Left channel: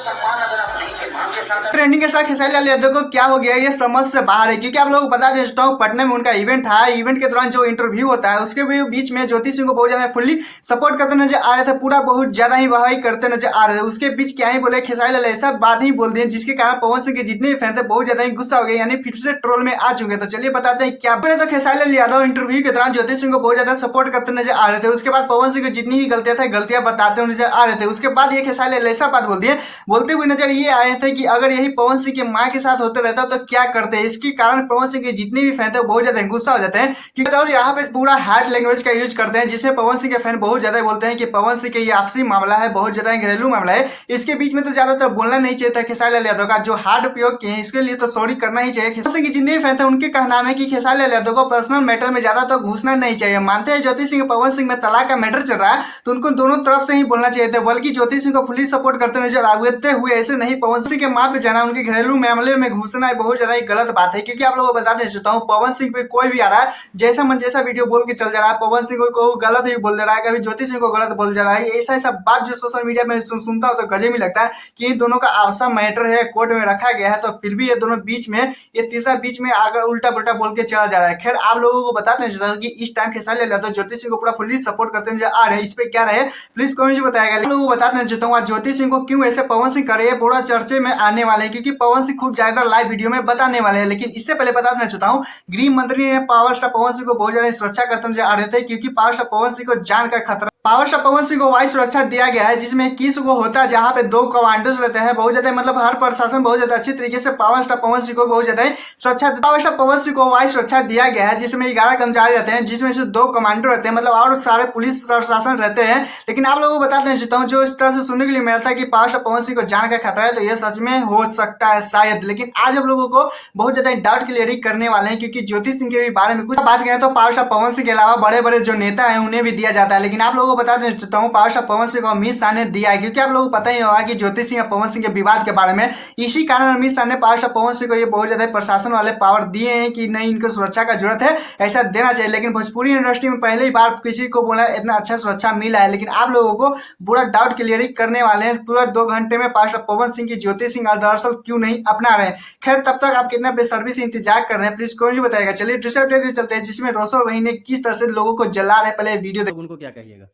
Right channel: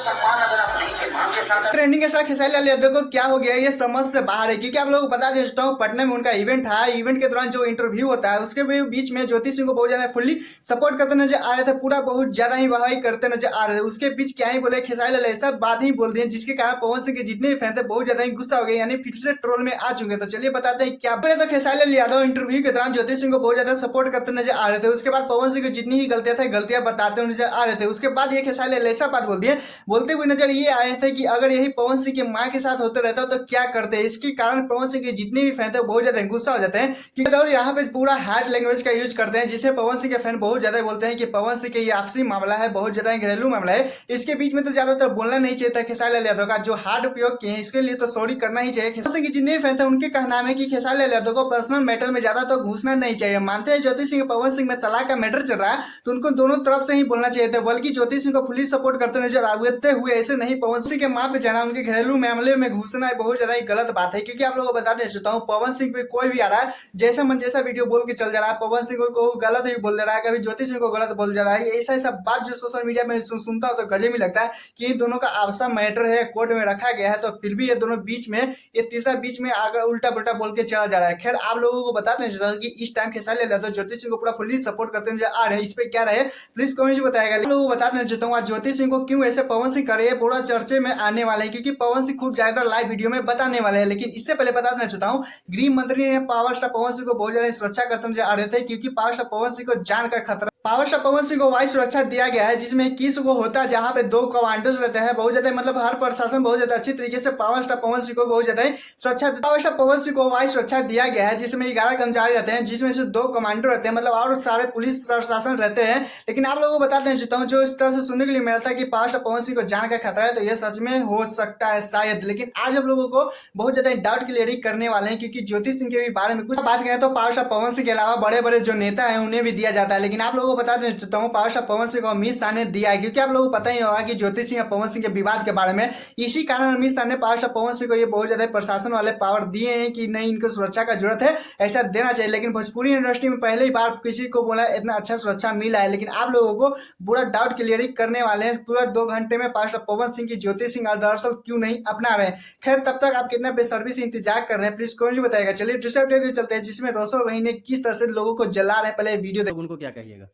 सम्मान अगर आप नहीं दे मांगे साथ ट्रेंडिंग के साथ खेसारी लाल यादव को क्या हो गया ये समझ से बाहर है, क्योंकि आप लोगों को बता देता हूँ पटना में उनका इवेंट था। इवेंट के दौरान जो इंटरव्यू होता है उसके भी बीच में ज्योति सिंह को बहुत ज्यादा फुल्ली सपोर्ट करते नजर आ रहे थे, पूरा बहुत ज्यादा ही वाहवाही करते नजर आ रहे थे। उसके बीच क्या ही बोले खेसारी लाल ऐसा बात ही बोल दिए जिसके कारण पवन सिंह के जितने भी फैन थे बहुत ज्यादा ही गुस्सा हो गए, यानी फिर से ट्रोल में आ चुके। तो चलिए बताते हैं क्या। पहले तो खेसारी लाल यादव इंटरव्यू के दौरान ज्योति सिंह को बहुत ज्यादा सपोर्ट करते नजर आ रहे थे। उसके बाद पवन सिंह को जितनी भी गलतियां थे गलतियां बताते नजर आ रहे थे। उसके बाद ये खेसारी लाल ऐसा बात बोल दिए, बोलते हुए नजर ये आ रहे थे कि अगर यही पवन सिंह की मां के साथ होते रहता तो क्या करते हैं। इसके कारण पवन सिंह के जितने भी फैन थे बहुत ज्यादा गुस्सा हो जाते हैं, क्योंकि तो यहाँ पे पूरा हार्ड लैंग्वेज का यूज करते हैं, जिसमें पवन सिंह के फैन बहुत ज्यादा बोलते हैं कि पवन सिंह के ये आपसी मामला है, बहुत ज्यादा घरेलू मामला है, इसके बीच में तो ज्यादातर बोलना नहीं चाहिए था। खेसारी लाल यादव का जो हार्ड उपयोग किए हैं इसके लिए तो सॉरी करना ही चाहिए। खेसारी सिंह के जितने भी फैन थे उनके कहना है कि खेसारी लाल यादव को पर्सनल मैटर में ज्यादा तो घुसना नहीं चाहिए। मानते हैं ज्योति सिंह पवन सिंह में तलाक का मैटर चल रहा है तो उनको दोनों तरफ से ही बोलना चाहिए था, बल्कि ज्योति सिंह को फुली सपोर्ट करते नजर आते हुए ऐसे नहीं पवन सिंह के मां पे जाना, उनके घरेलू मामले में घुसना बहुत ज्यादा गलत बात है। क्योंकि आप लोगों को बताना चाहता हूँ पवन सिंह पे कोई भी आ रहा है जैसा मन जैसा वीडियो बोल के चल जा रहा है, पवन सिंह को गलत ही बोल दे रहा है, कभी ज्योति सिंह को गलत बोल जा रहा है। ऐसा ऐसा बात जो सोशल मीडिया में सुनता हो तो गजब ही लगता है कि इन दोनों का आपसा मैटर है, कोर्ट में रखा गया है, तो फिर भी ये दोनों बीच में ये तीसरा बीच में आकर उल्टा पुल्टा बोल के चला जा रहा है। खैर आप लोगों को बताना चाहता हूँ कि इस टाइम खेसारी लाल यादव ज्योति सिंह को पूरा फुल्ली सपोर्ट करते हैं आ रहे हैं, इस पे क्या रहे प्लीज कमेंट में बताएगा। लोगों को बताना चाहता हूँ ज्योति सिंह को क्यों ऐसे पवन सिंह करे पूरा चर्चे में आने वाले हैं, क्योंकि पवन सिंह खूब ज्यादा लाइव वीडियो में बताने वाले हैं। लेकिन इससे पहले बताना चाहता हूँ गृह मंत्री ने पावर स्टार पवन सिंह को बहुत ज्यादा सुरक्षा करते नजर आ रहे थे, क्योंकि पावर स्टार पवन सिंह को जान का खतरा। पावर स्टार पवन सिंह को वायु सुरक्षा दिया गया है, जिसमें 21 को होता है, जहां पे 2 कमांडोज रहते हैं। बहुत ज्यादा मतलब हर प्रशासन बहुत ज्यादा अच्छी तरीके से पावर स्टार पवन सिंह को बहुत ज्यादा सुरक्षा। पावर स्टार पवन सिंह को वायु सुरक्षा दिया गया है, जिसमें 11 कर्मचारी रहते हैं, जिसमें से 2 कमांडो रहते हैं, मतलब और सारे पुलिस प्रशासन रहते हैं। लेकिन आप लोगों को बताना चाहता हूँ जो इस तरह से सुनने के लिए मिला था कि पावर स्टार पवन सिंह को जान का खतरा है, तो यह सच में हो सकता है शायद। लेकिन आज हम लोगों को बहुत ज्यादा डाउट क्लियरिंग करने वाले हैं, क्योंकि ज्योति सिंह के बारे में कुछ बात करें तो पावर स्टार पवन सिंह के अलावा बड़े बड़े जो नेता है उन्हें भी दिया जाता है। लेकिन आप लोगों को बताना चाहता हूँ पावर स्टार पवन सिंह को अमित शाह ने दिया है, क्योंकि आप लोगों को पता ही होगा कि ज्योति सिंह और पवन सिंह के विवाद के बारे में, इसी कारण अमित शाह ने पावर स्टार पवन सिंह को ये बहुत ज्यादा प्रशासन वाले पावर दिए हैं कि नहीं इनको सुरक्षा का जरूरत है, ऐसा देना चाहिए। लेकिन भोजपुरी इंडस्ट्री में पहली बार किसी को बोला इतना अच्छा सुरक्षा मिला है। लेकिन आप लोगों को पूरा डाउट क्लियरिंग करने वाले हैं पूरा 2 घंटे में पावर स्टार पवन सिंह की ज्योति सिंह दरअसल क्यों नहीं अपना रहे। खैर तब तक आप कितना बेसब्री से इंतजार कर रहे हैं प्लीज कमेंट में बताएगा। चलिए दूसरे अपडेट चलते हैं, जिसमें रोशन रही ने किस तरह से लोगों को जला रहे। पहले वीडियो उनको क्या कहिएगा।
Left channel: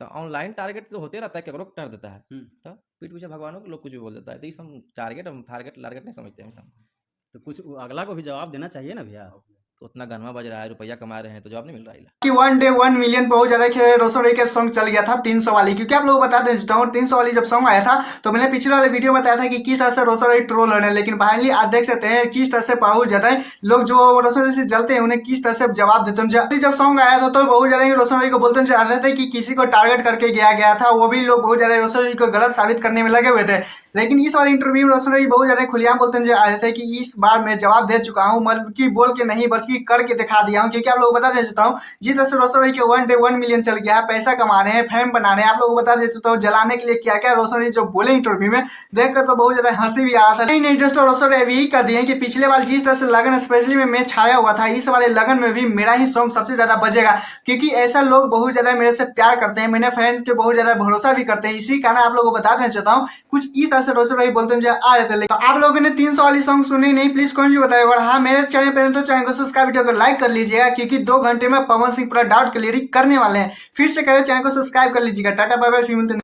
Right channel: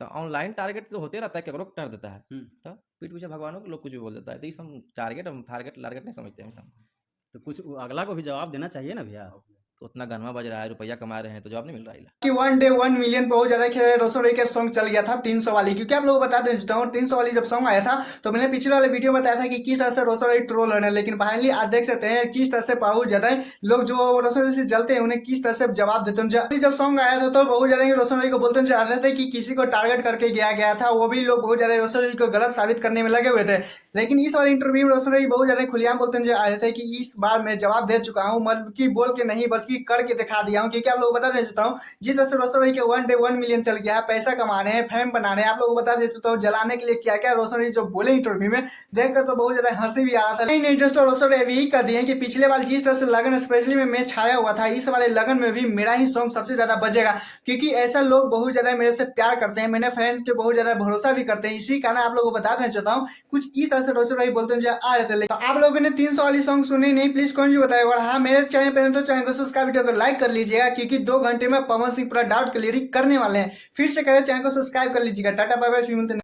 तो ऑनलाइन टारगेट तो होते रहता है, केकरो कर देता है, तो पीठ पीछे भगवानों को लोग कुछ भी बोल देता है, तो ये सब टारगेट हम टारगेट नहीं समझते हैं सब। तो कुछ अगला को भी जवाब देना चाहिए ना भैया। तो उतना गनमा बज रहा है, रुपया कमा रहे हैं, तो जवाब नहीं मिल रहा है कि 1 डे 1 मिलियन बहुत ज्यादा रोशन रही का सॉन्ग चल गया था 300 वाली। क्योंकि आप लोग बताते चाहता हूँ 300 वाली जब सॉन्ग आया था तो मैंने पिछले वाले वीडियो बताया था कि किस तरह से रोशन रही ट्रोल हो रहे हैं। लेकिन फाइनली आप देख सकते हैं किस तरह से बहुत ज्यादा लोग जो रोशन से जलते हैं उन्हें किस तरह से जवाब देते हैं। जब सॉन्ग आया था तो बहुत ज्यादा रोशन रही को बोलते चाहते थे कि किसी को टारगेट करके गया था, वो भी लोग बहुत ज्यादा रोशन रही को गलत साबित करने में लगे हुए थे। लेकिन इस वाले इंटरव्यू में रोशन रही बहुत ज्यादा खुलेआम बोलते नजर आ रहे थे कि इस बार मैं जवाब दे चुका हूँ, मतलब कि बोल के नहीं बल्कि करके दिखा दिया हूँ। क्योंकि आप लोग बता देता हूँ जिस तरह से रोशन रही के 1 डे 1 मिलियन चल गया है, पैसा कमा रहे हैं, फैम बना रहे हैं। आप लोगों को बता देता हूँ जलाने के लिए क्या क्या रोशन रही जो बोले इंटरव्यू में देखकर तो बहुत ज्यादा हंसी भी आ रहा था। नहीं जस्ट रोशन रही यही कर दिए कि पिछले वाले जिस तरह से लगन स्पेशली में मैं छाया हुआ था, इस वाले लगन में भी मेरा ही सॉन्ग सबसे ज्यादा बजेगा, क्योंकि ऐसा लोग बहुत ज्यादा मेरे से प्यार करते हैं, मेरे फैंस के बहुत ज्यादा भरोसा भी करते हैं। इसी कारण आप लोगों को बता देना चाहता हूँ कुछ इस तरह से रोशन रही बोलते आ रहे थे। तो आप लोगों ने 300 वाली सॉन्ग सुनी नहीं प्लीज कमेंट में बताइएगा। और हाँ मेरे चैनल पर तो चैनल को सब्सक्राइब वीडियो को लाइक कर लीजिएगा, क्योंकि 2 घंटे में पवन सिंह पूरा डाउट क्लियरिंग करने वाले हैं। फिर से करें चैनल को सब्सक्राइब कर लीजिएगा। Tata bye bye.